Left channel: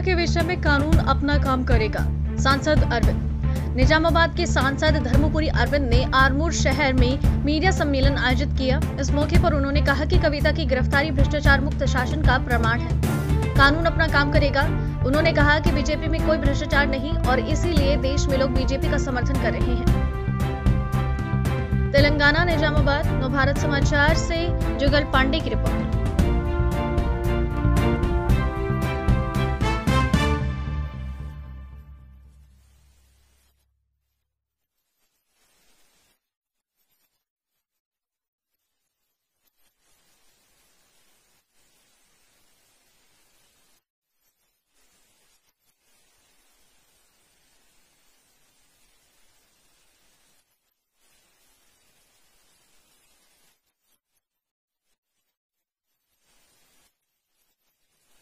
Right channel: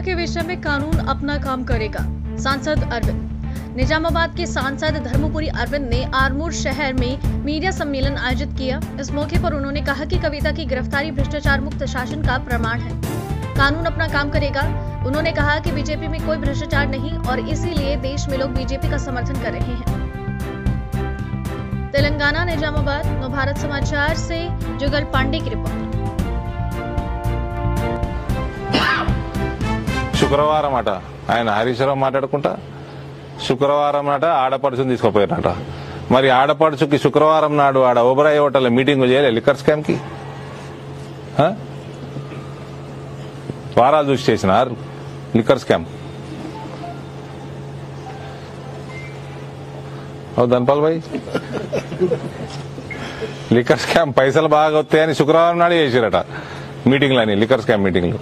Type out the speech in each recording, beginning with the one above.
Media के विषय में कानून अपना काम करेगा, सांसद अरविंद। निजामाबाद के सांसद धर्मपुरी अरविंद ने आरमूर शहर में मीडिया सम्मेलन आयोजित किया। इस मौके पर उन्होंने कहा कि कविता की गिरफ्तारी भ्रष्टाचार मुक्त शासन का प्रमाण है, कानून अपना काम करेगा। उन्होंने कहा कि बीजेपी में कोई भ्रष्टाचार नहीं और इसीलिए देश में लोग बीजेपी का समर्थन कर रहे हैं। तेलंगाना निजामाबाद नवभारत समाचार से जुगल पांडे की रिपोर्ट। శుక్రవారం అట ఆయన హరీశ్వరం మాట్లాడుకుంటా శుక్రవారం నాట ఆడపడుచుని తీసుకుపోయారట. మరి ఆడపడుచుకి శుక్రవారం నాడు ఆడ ఓబరాయ్ హోటల్ మీటింగ్ చేయలే లిక్కర్ స్కామ్ కి వారాలు చూసి చేసినారు లిక్కర్ స్కామ్. ధన్పాల్ భాయ్ లిక్కర్ స్కామ్ పైసలు బాగా వస్తాయని శుక్రవారం నాడు చేసిరట మీటింగ్లని లిక్కర్ స్కామ్ మీటింగ్లు.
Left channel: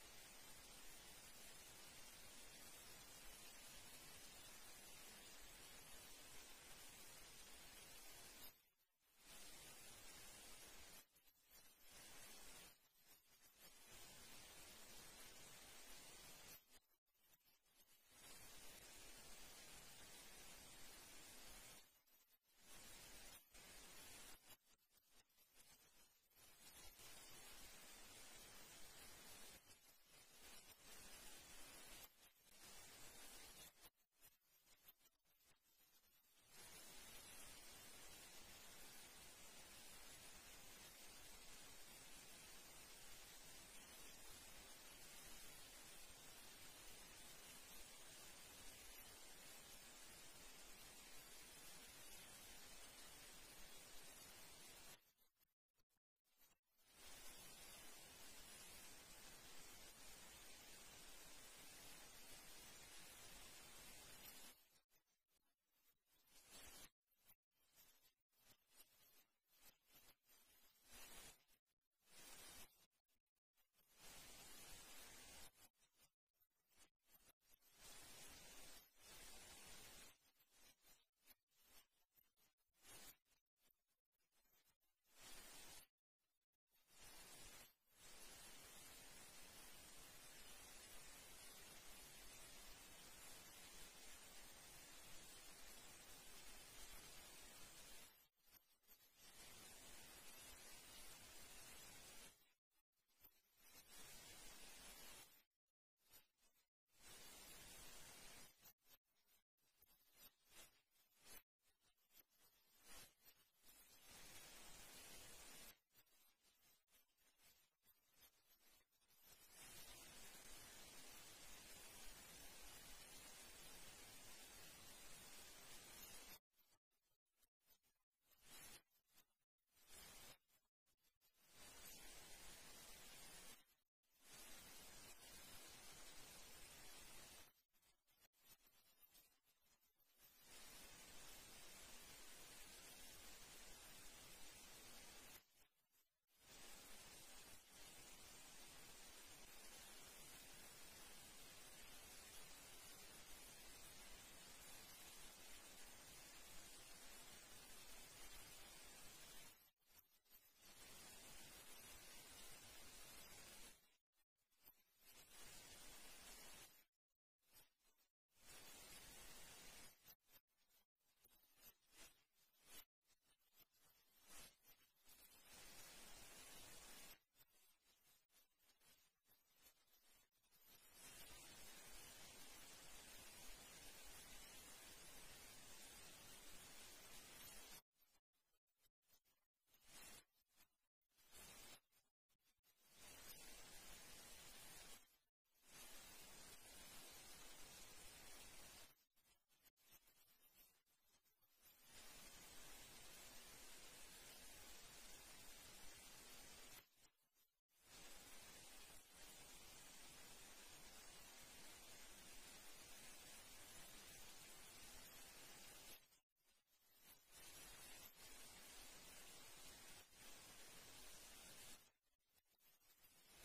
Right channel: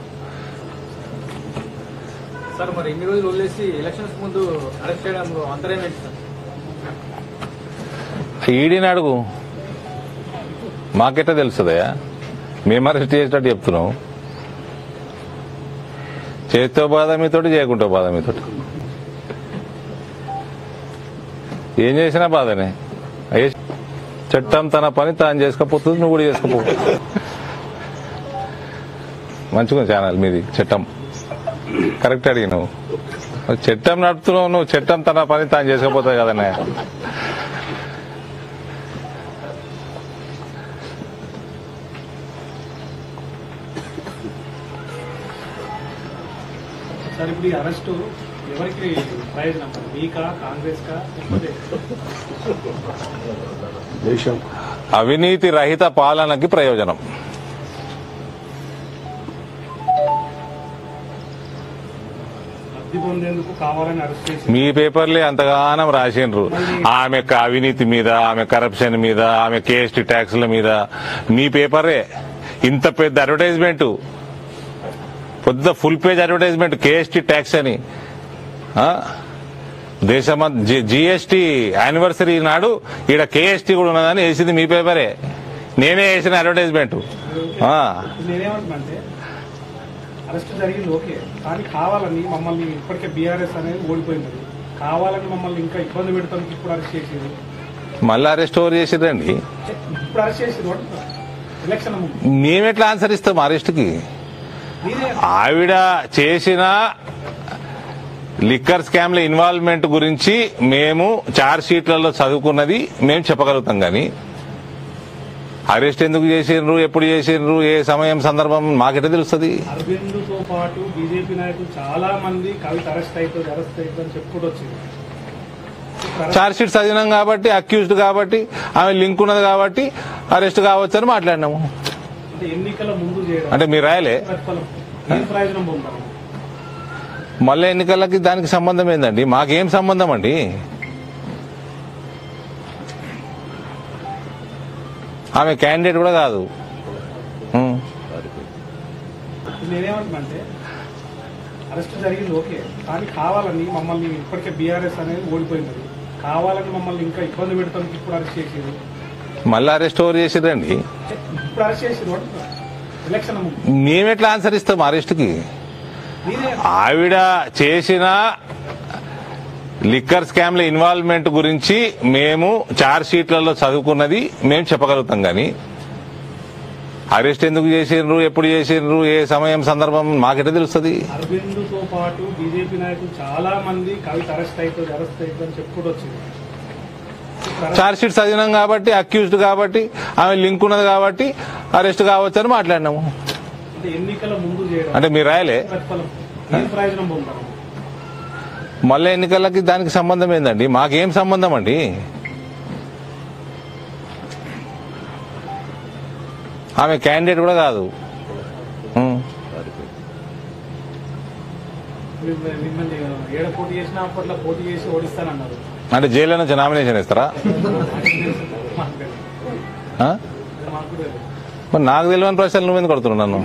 సార్ మరి ఎన్ని రోజులు వదిలేసి ఎలక్షన్స్ ముందు అరెస్ట్ చేయడంలో అంతరం ఏంటి సార్? ఈడీని అడుగు, మాకెట్టా తెలుస్తుందయా? మేము అరెస్ట్ చేసేటట్టు చెప్తున్నాం. చేతితో బాధ మీతోటి, చేయకుంటో బాధ మీతోటి. ఏం చేసినా బాధనే. చట్టం తన పని తాను చేసుకోపోతుంది, నువ్వు కూడా చేసుకోపో. మంచిగా ఛానల్ మీది. చట్టం కరెక్ట్ అడిగినావు. చట్టం నడుపుతున్నావు నువ్వు. చట్టం తన పని తాను చేసుకోపోతుంది కదనే. సార్ ఇప్పుడు ఈ అరెస్టు ఎవరికి ప్రయోజనం? మీకా, కాంగ్రెస్ కా, దేశం అవినీతి రహిత పాలనకి ప్రయోజనం. మీ పేపర్లే అంతగానం రాసిండ్రు ఆమె అవినీతి మీద, ఆమె కరప్షన్ మీద, ఆమె కేఎస్టీ ట్యాక్స్ల మీద. మీ పేపరే ఇంత పెద్ద అడ్వర్టైజ్మెంట్, పెద్ద full page advertisement KST tax అని. దేశం జీఎస్టీ యానివర్సరీ నాడు ఈడ కేఎస్టీ కూడా ఉన్నదని వేసింది మీ పేపరే. నేనే వేసిన అడ్వర్టైజ్మెంట్. అరెస్ట్ జరిగింది ఓకే, కానీ కావాలని మమ్మల్ని ఇప్పటికే బీఆర్ఎస్ అనేది ఓడిపోయింది, కావాలని మమ్మల్ని ఇంకా ఇబ్బంది పెడతాం. ఇప్పుడు అరెస్ట్ చేసేది, మళ్ళీ అరెస్ట్ ఓవర్ చేసిరండి. ఇప్పుడు అరెస్ట్ చేసేది ఎలక్షన్ మేమెట్లా ఆన్సర్ ఇస్తాం అరెస్ట్ కి? ఆవిడ చేసిన లిక్కర్ స్కామ్ లో ఇన్వాల్వ్మెంట్ గురించి మేము చార్జ్ షీట్లలో చదువుకున్నది మేము చెప్పగలుగుతాం, కానీ అరెస్ట్ ఎందుకు చేసిండ్రు, ఎప్పుడు చేసిండ్రు, ఏ సమయం సందర్భం మాకెట్లా తెలుస్తుంది? అరవింద్ తో పాటు బీజేపీ నాయకులు చాలా మంది కవిత అరెస్ట్ అవుతుంది అని చెప్పుకుంటూ వచ్చింది. చార్జ్ షీట్ చదివినాం కాబట్టి, అక్యూజ్డ్ కాబట్టి, ఆమె లింక్ ఉన్నది కాబట్టి అరెస్ట్ కావచ్చు అని మాట్లాడినాము. ఎన్నికల ముందు చేయడం అంటే మీరు రాయలే. ప్రయోజనం పొందాలి. మళ్ళీ ఎన్నికలకి దానికి సంబంధం ఏందండి? మాకేం సంబంధం అండి? ఆమె క్యాండిడేట్ కూడా కాదు. నేనేమంటున్నాంటే అరెస్ట్ జరిగింది ఓకే, కానీ కావాలని మమ్మల్ని ఇప్పటికే బీఆర్ఎస్ అనేది ఓడిపోయింది, కావాలని మమ్మల్ని ఇంకా ఇబ్బంది పెడతాం. ఇప్పుడు అరెస్ట్ చేసేది, మళ్ళీ అరెస్ట్ ఓవర్ చేసిరండి. ఇప్పుడు అరెస్ట్ చేసేది ఎలక్షన్ మేమెట్లా ఆన్సర్ ఇస్తాం అరెస్ట్ కి? ఆవిడ చేసిన లిక్కర్ స్కామ్ లో ఇన్వాల్వ్మెంట్ గురించి మేము చార్జ్ షీట్లలో చదువుకున్నది మేము చెప్పగలుగుతాం, కానీ అరెస్ట్ ఎందుకు చేసిండ్రు, ఎప్పుడు చేసిండ్రు, ఏ సమయం సందర్భం మాకెట్లా తెలుస్తుంది? అరవింద్ తో పాటు బీజేపీ నాయకులు చాలా మంది కవిత అరెస్ట్ అవుతుంది అని చెప్పుకుంటూ వచ్చింది. చార్జ్ షీట్ చదివినాం కాబట్టి, అక్యూజ్డ్ కాబట్టి, ఆమె లింక్ ఉన్నది కాబట్టి అరెస్ట్ కావచ్చు అని మాట్లాడినాము. ఎన్నికల ముందు చేయడం అంటే మీరు రాయలే. ప్రయోజనం పొందాలి. మళ్ళీ ఎన్నికలకి దానికి సంబంధం ఏందండి? మాకేం సంబంధం అండి? ఆమె క్యాండిడేట్ కూడా కాదు. పోటీ చేసినా అప్పట్లో పోటీ చేసి ఓడిస్తానన్నారు. అంటే జైల్లో నుంచి నామినేషన్ ఇస్తారా? మరి నాకు తెలియని ప్రశ్నలు నువ్వెందుకు కొడుతున్నావు నన్ను?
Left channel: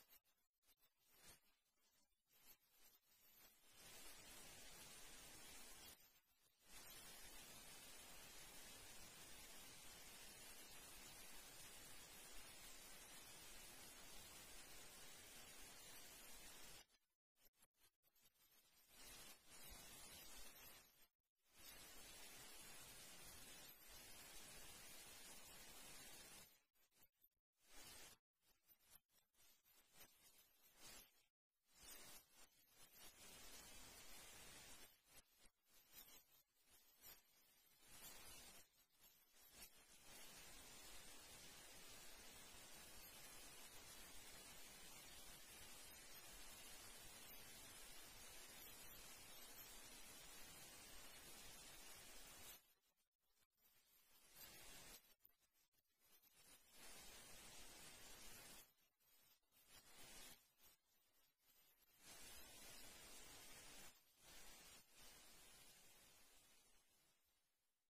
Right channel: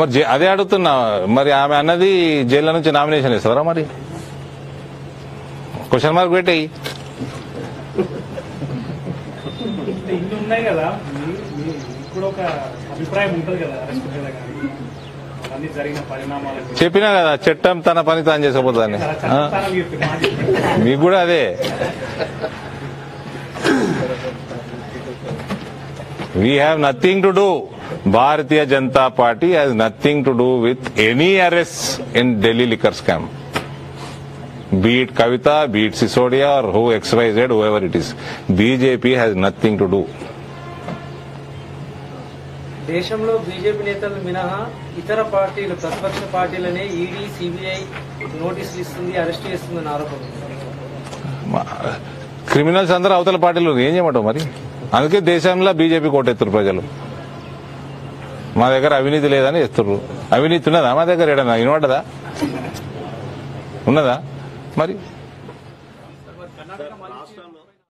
మరి అదే అడుగుతున్నా. మరి ఆమె అన్నది జైల్లో నుంచి నామినేషన్ ఇస్తారా? మరి క్వశ్చన్ మార్క్ పెట్టేయి. ఇన్ని ఉన్నాయి కదా, ఇప్పుడు ఒక అభిప్రాయం ఉంటుంది కదా అరెస్ట్ మీద, కానీ అన్ని జరిగిన పరిణామాల గురించి చెప్పినా కదా, చట్టం తన పని తాను చేసుకోపోతుందని. చట్టస్థానం చెప్పిన మాట మీకు కూడా అదే. We have nothing to do. Bharatiya Janata Party has nothing to do with any arrests in Delhi liquor scam. Be it Kavita, be it Sisodia, or who XYZ, whoever it is. BJP has nothing to do. దేశంలో BJP నేతలు మినహా ఇతర పార్టీలు ప్రతిపక్ష పార్టీలనే ED CBI నోటీసులు ఇస్తుంది, arrest చేస్తుందని ఆరోపణ. క్రిమినల్స్ అందరూ అవతల పార్టీలు ఏం చేయమంటావు మరి? అందుకే దేశంలో బీజేపీ కోటెత్తురు ప్రజలు. మా దగ్గర అవినీతి లేదని ఎత్తుర్రు. అవినీతి ఉన్నదా మా దగ్గర? ఏడన్నా వినపడ్డదా? ఉన్నదా మరి?